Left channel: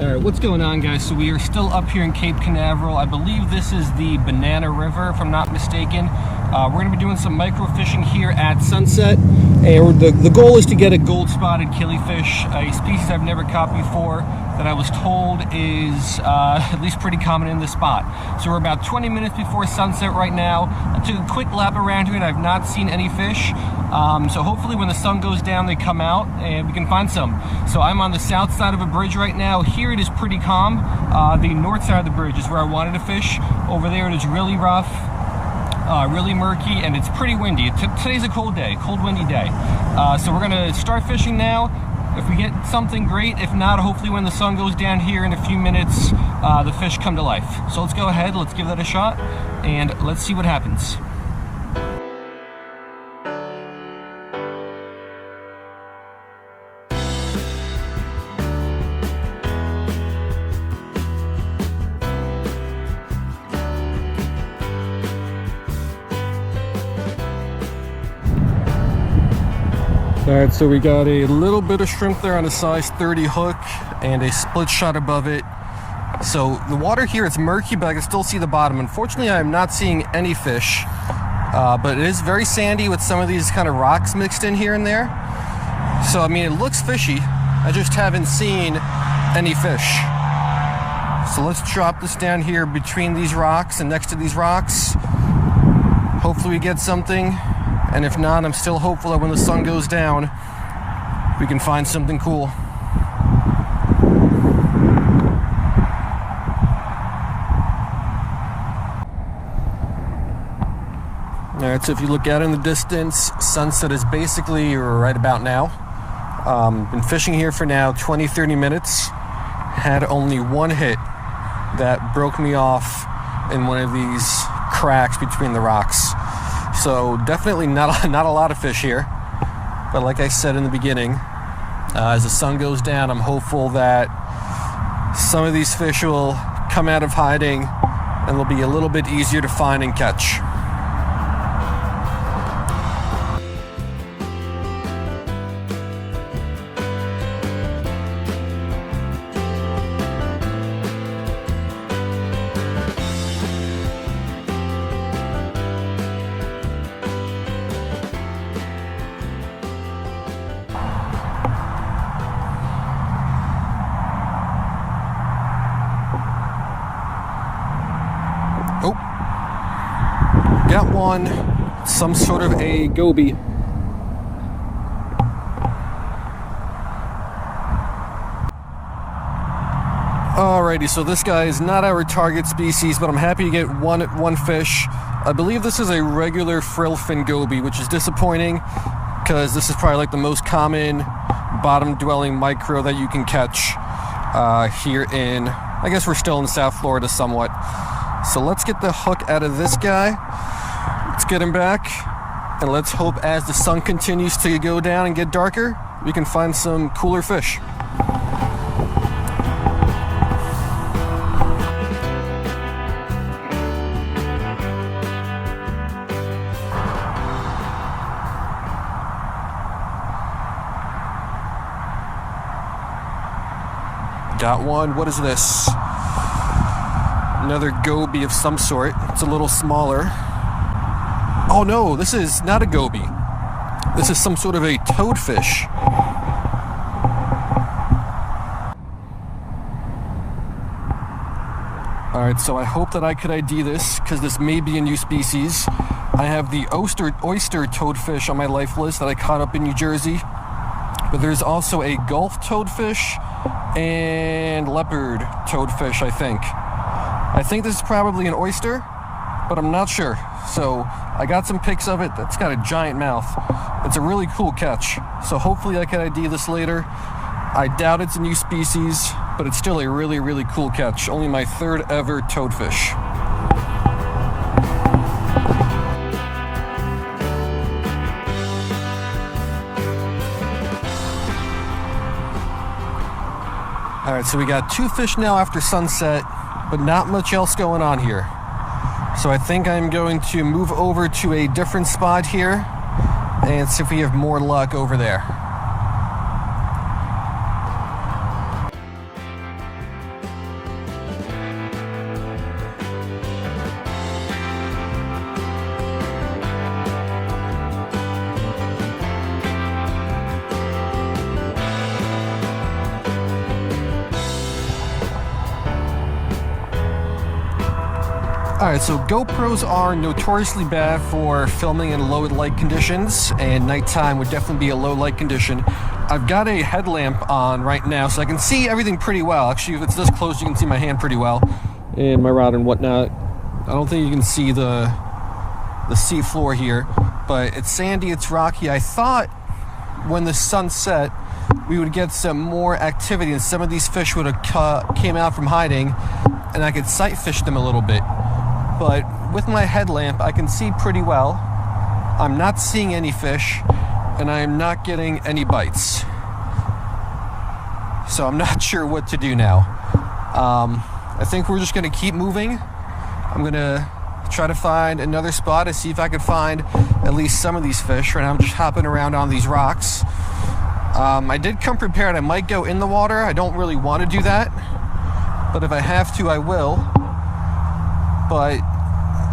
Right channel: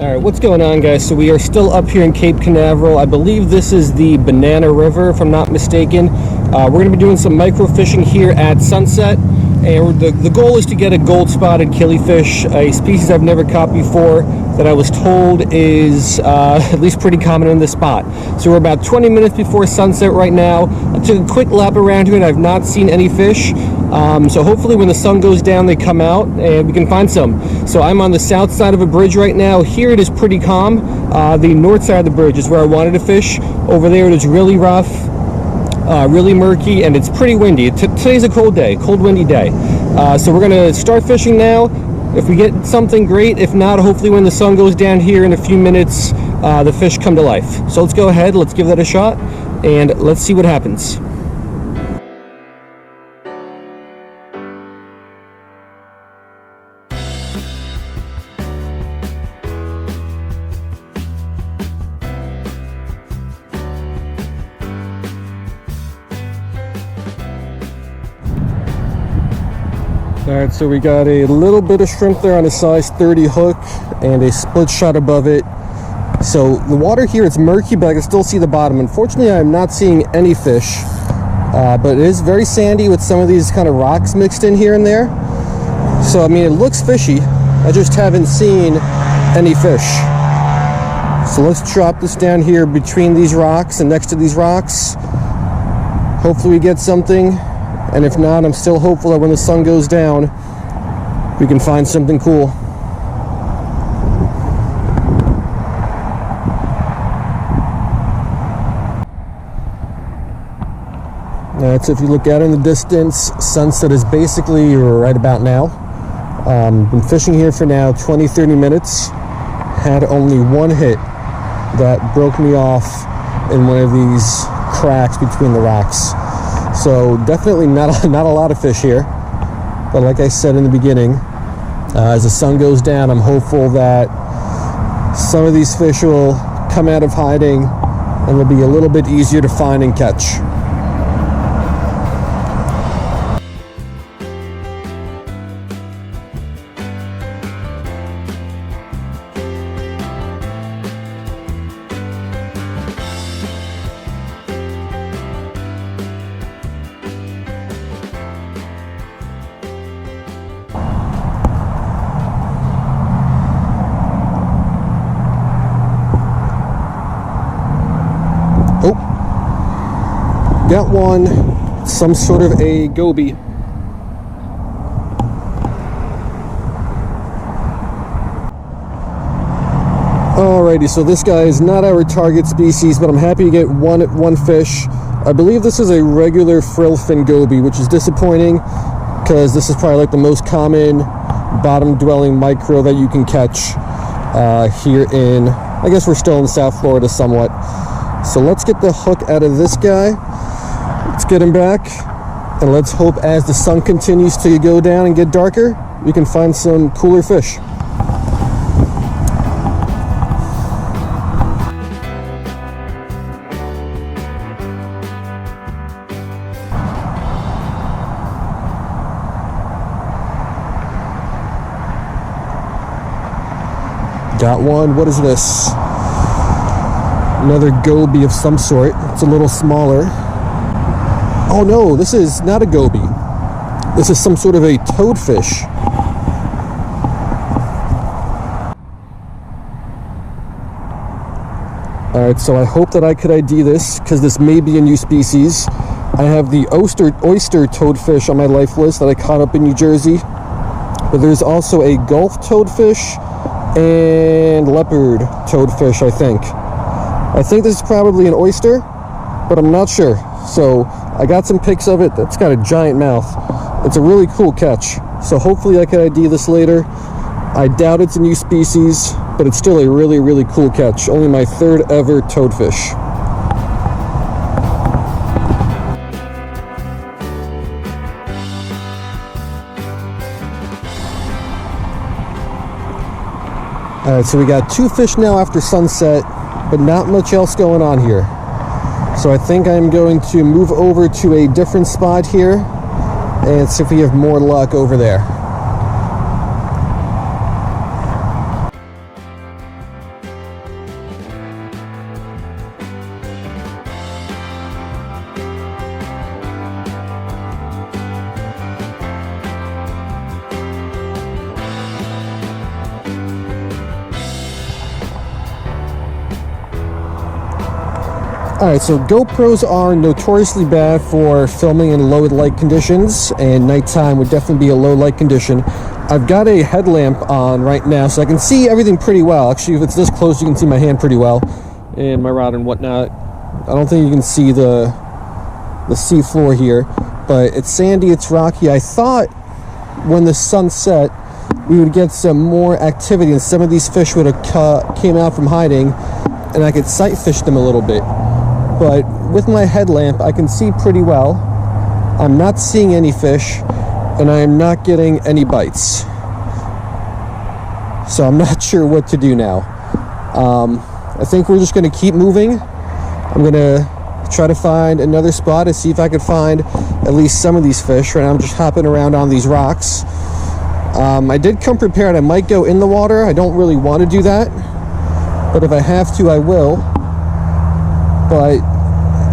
Alright, what's going on, guys? So we are still up here in Cape Canaveral. I believe this is the Banana River, if I'm not mistaken. We're going to be doing some micro fishing here at sunset, and the goal is to get a gold-spotted killifish, a species I've never caught before, that I was told is at least pretty common in this spot. So we're about 20 minutes before sunset right now. I took a quick lap around here and I've not seen any fish. So hopefully when the sun goes down they come out and we can find some. So I'm on the south side of a bridge right now. Here it is pretty calm. The north side of the bridge is where I wanted to fish. Over there it is really rough, really murky, and it's pretty windy. Today's a cold day, cold windy day. So we're gonna start fishing now. If we get something, great. If not, hopefully when the sun goes down here in a few minutes, the fish come to life. So let's go ahead, let's give that a shot, and let's see what happens. Alright, so we got a little bit of shrimp there on a size 30 hook and a split shot above it. So the water here is murky, but I can still see the bottom. Unfortunately, I am not seeing any fish, but it is very sandy with some of these kind of rocks mixed in here and there. So I mean, it looks fishy. I just haven't seen any fish. So let's drop this down here between these rocks and next to these rocks. Hopefully we get something. And if not, I'm still hopeful that when the sun goes down, we can find something cool. Alright, so if you look out in the distance, sunset is basically right about now. Been fishing here for now 20-30 minutes. Had only one hit that broke me off in one of these cracks between the rocks. So definitely not a lot of fish here, but like I said in the beginning, as the sun goes down, I'm hopeful that some of these fish will come out of hiding and they'll be a little bit easier to find and catch. Oh, got one, some sort of a goby. Alrighty, so this guy is not our target species, but I'm happy to get one fish. I believe this is a regular frillfin goby, which is disappointing because this is probably like the most common bottom-dwelling micro that you can catch here in, I guess we're still in South Florida somewhat. So let's get the hook out of this guy. Let's get him back. And let's hope as the sun continues to go down and get darker, we can find some cooler fish. Got one. What is this? Another goby of some sort. It's a little smaller. Oh no, this is not a goby. This is some sort of a toadfish. Alright, so I hope that I could ID this, because this may be a new species. I have the oyster toadfish on my life list that I caught up in New Jersey. But there's also a Gulf toadfish and leopard toadfish, I think. I think this is probably an oyster, but I'm not sure. So I got some pics of it. That's got a giant mouth. It's a really cool catch. So hopefully I can ID this later. I doubt it's a new species, but it's still a really, really cool catch. Only my third ever toadfish. Alright, so we got two fish now after sunset, but not much else going on here. So I think I'm going to move over to a different spot here and see if we have more luck over there. Alright, so GoPros are notoriously bad for filming in low light conditions, and nighttime would definitely be a low light condition. I've got a headlamp on right now, so I can see everything pretty well. Actually, if it's this close, you can see my hand pretty well, and my rod and whatnot. I don't think you can see the sea floor here, but it's sandy, it's rocky. I thought when the sun set, we would get some more activity, and some of these fish would have came out from hiding, and I could sight fish them a little bit. But with my headlamp, I can see pretty well. I'm not seeing any fish, and I am not getting any bites. So I'm not sure what to do now. I think we're just going to keep moving. I'm going to try to find another spot to see if I could find at least some of these fish. Right now I'm just hopping around on these rocks. I did come prepared. I might go in the water. I don't really want to do that, but if I have to, I will. But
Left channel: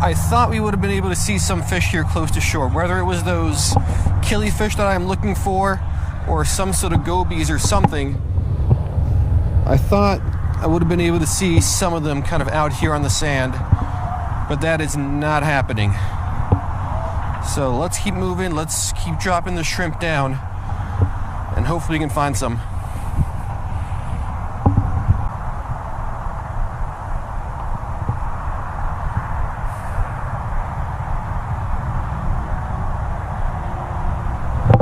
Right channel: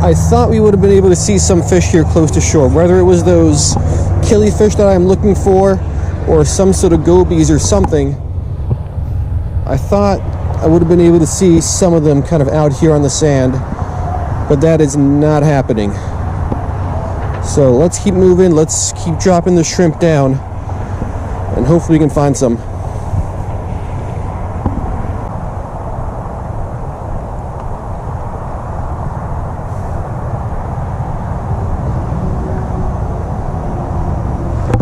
I thought we would have been able to see some fish here close to shore, whether it was those killifish that I'm looking for or some sort of gobies or something. I thought I would have been able to see some of them kind of out here on the sand, but that is not happening. So let's keep moving. Let's keep dropping the shrimp down, and hopefully we can find some.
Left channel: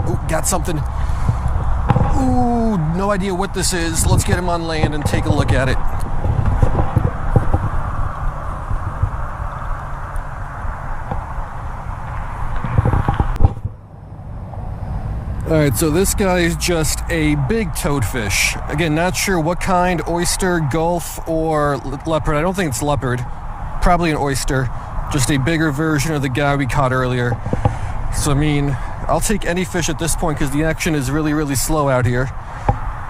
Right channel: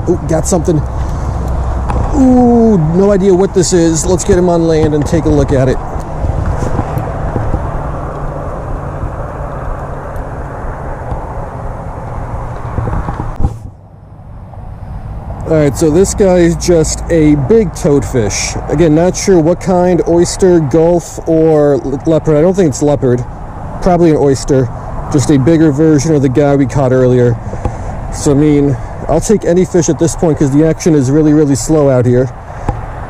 Oh, got something. Ooh, no idea what this is. Let's get him on land and take a look at it. Alright, so this guy is just a big toadfish. Again, not sure what kind, oyster, gulf, or leopard. I don't think it's leopard. Probably an oyster. Just a bigger version of the guy we caught earlier. So, I mean, I'll take any fish at this point because the action is really, really slow out here.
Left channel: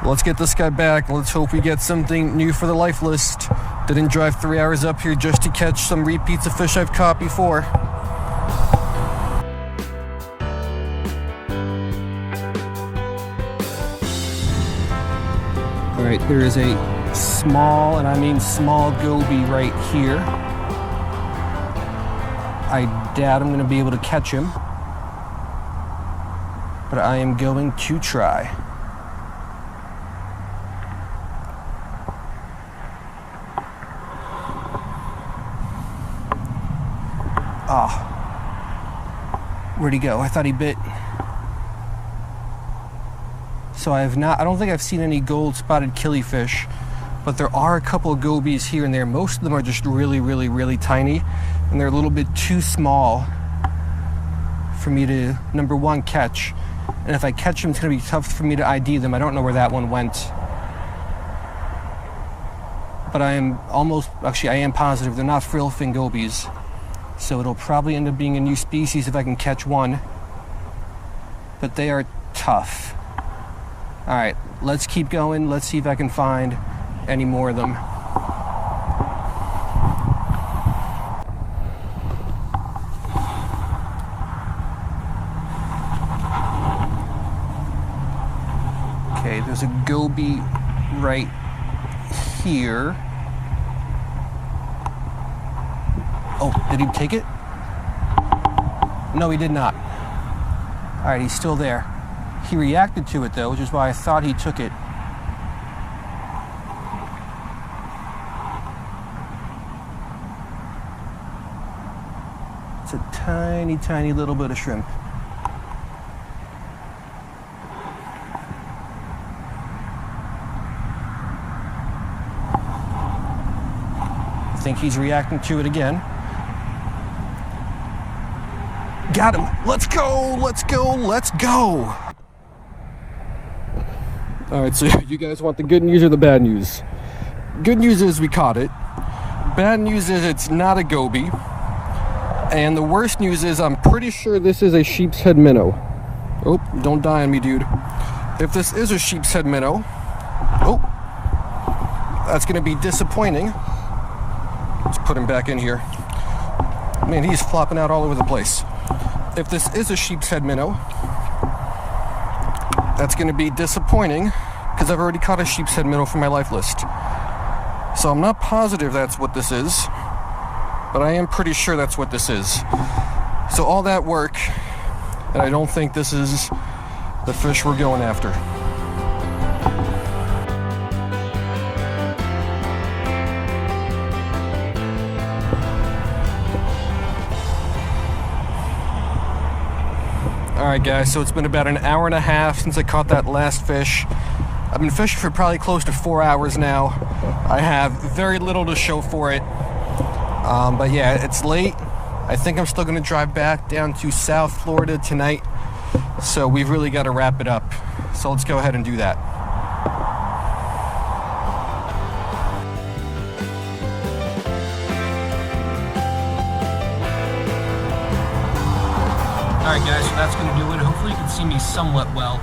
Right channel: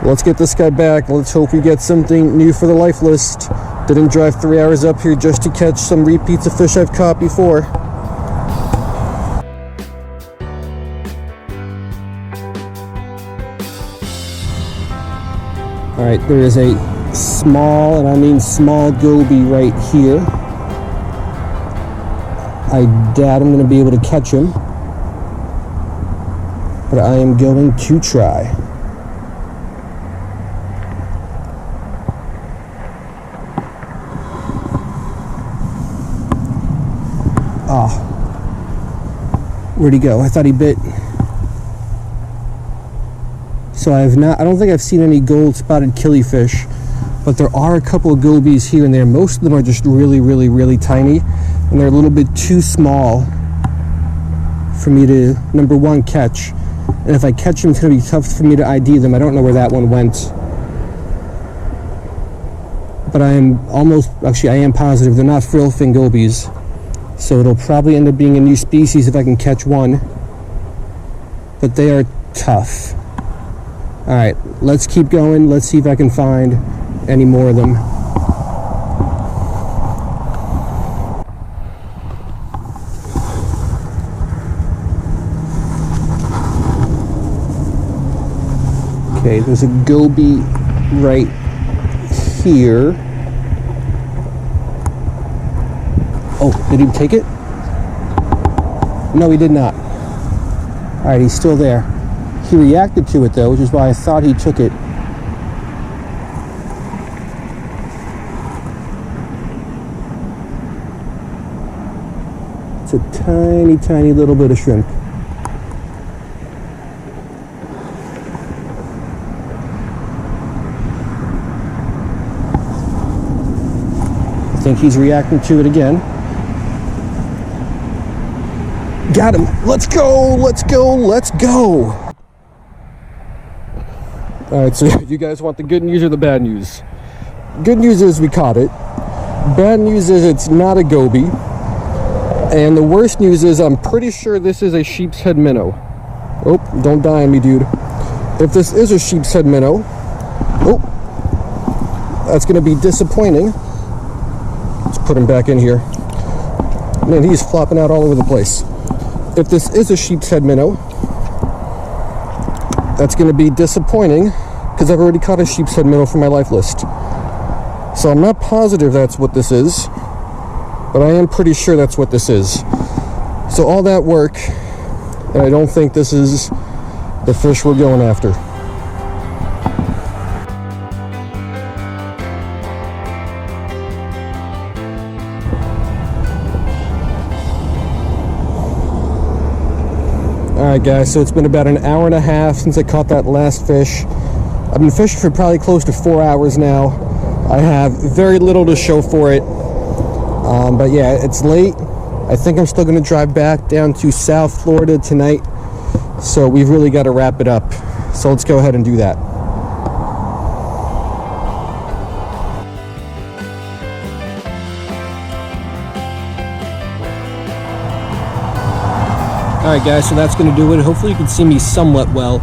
Let's get this guy back. Let's hope we get something new for the life list. Didn't drive 3 hours up here just to catch some repeats of fish I've caught before. Alright, there is a small, and I mean small, goby right here. I doubt I'm going to be able to catch him, but I am going to try. Oh, where'd he go? I thought he bit. So I don't think I've seen any gold-spotted killifish, but there are a couple of gobies here and there. Most of them are just really, really, really tiny, and they're a little bit too small for me to, number one, catch. And if I catch them, it's going to be tough for me to ID them. I don't know where that one went. But I am positive they're not frillfin gobies. So it'll probably end up being a new species if I can catch one. But they are tough. Alright, let's keep going. Let's see if I can find any more of them. Okay, there's a goby right here. Oh, did he take it? No, he did not. Alright, he's still there. He reacted to it though, which is why I thought he took it. It's a tiny, tiny little bit of shrimp. I think he's reacting to it again. Got him. Let's go, let's go, let's go. Alright, so you guys want the good news or the bad news? Good news is we caught it. Bad news is it's not a goby. And the worst news is I'm pretty sure this is a sheep's head minnow. Oh, don't die on me, dude. If this is a sheep's head minnow, oh, that's going to be disappointing. Let's put him back in here. Man, he's flopping out all over the place. If this is a sheep's head minnow, that's going to be disappointing because I've already caught a sheep's head minnow for my life list. So I'm not positive that's what this is, but I am pretty sure that's what this is. So all that work, and I don't think this is the fish we're going after. Alright guys, so it's been about an hour and a half since I caught that last fish. I've been fishing for probably close to 4 hours now. I have very little to show for it. But yeah, it's late. I think I'm still going to drive back down to South Florida tonight. So we've really got to wrap it up. So let's go ahead and do that. Alright guys, so that's going to do it. Hopefully you can see me somewhat well.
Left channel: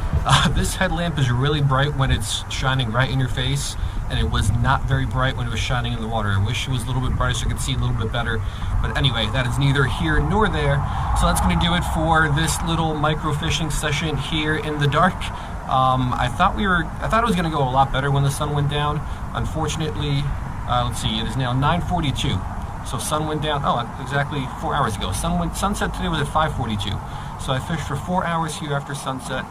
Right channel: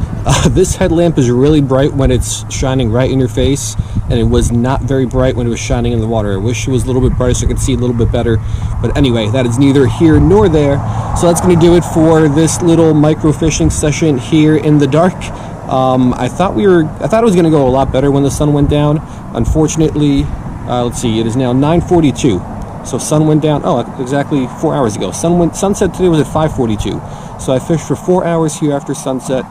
This headlamp is really bright when it's shining right in your face, and it was not very bright when it was shining in the water. I wish it was a little bit brighter so I could see a little bit better. But anyway, that is neither here nor there. So that's going to do it for this little micro fishing session here in the dark. I thought it was going to go a lot better when the sun went down. Unfortunately, let's see, it is now 9:42. So sun went down, oh, exactly 4 hours ago. Sunset today was at 5:42. So I fished for 4 hours here after sunset.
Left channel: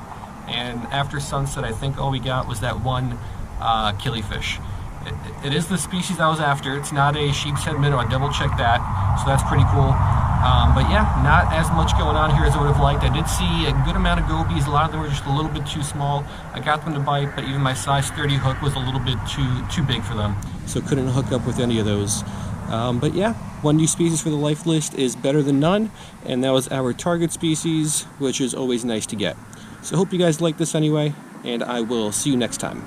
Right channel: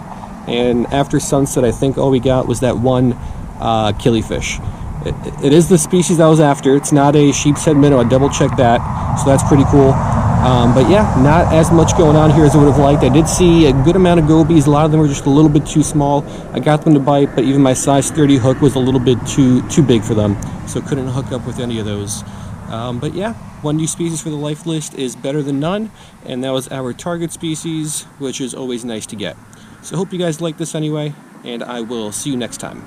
And after sunset, I think all we got was that one killifish. It is the species I was after. It's not a sheep's head minnow. I double checked that. So that's pretty cool. But yeah, not as much going on here as I would have liked. I did see a good amount of gobies. A lot of them were just a little bit too small. I got them to bite, but even my size 30 hook was a little bit too big for them. So couldn't hook up with any of those. But yeah, one new species for the life list is better than none, and that was our target species, which is always nice to get. So hope you guys like this anyway, and I will see you next time.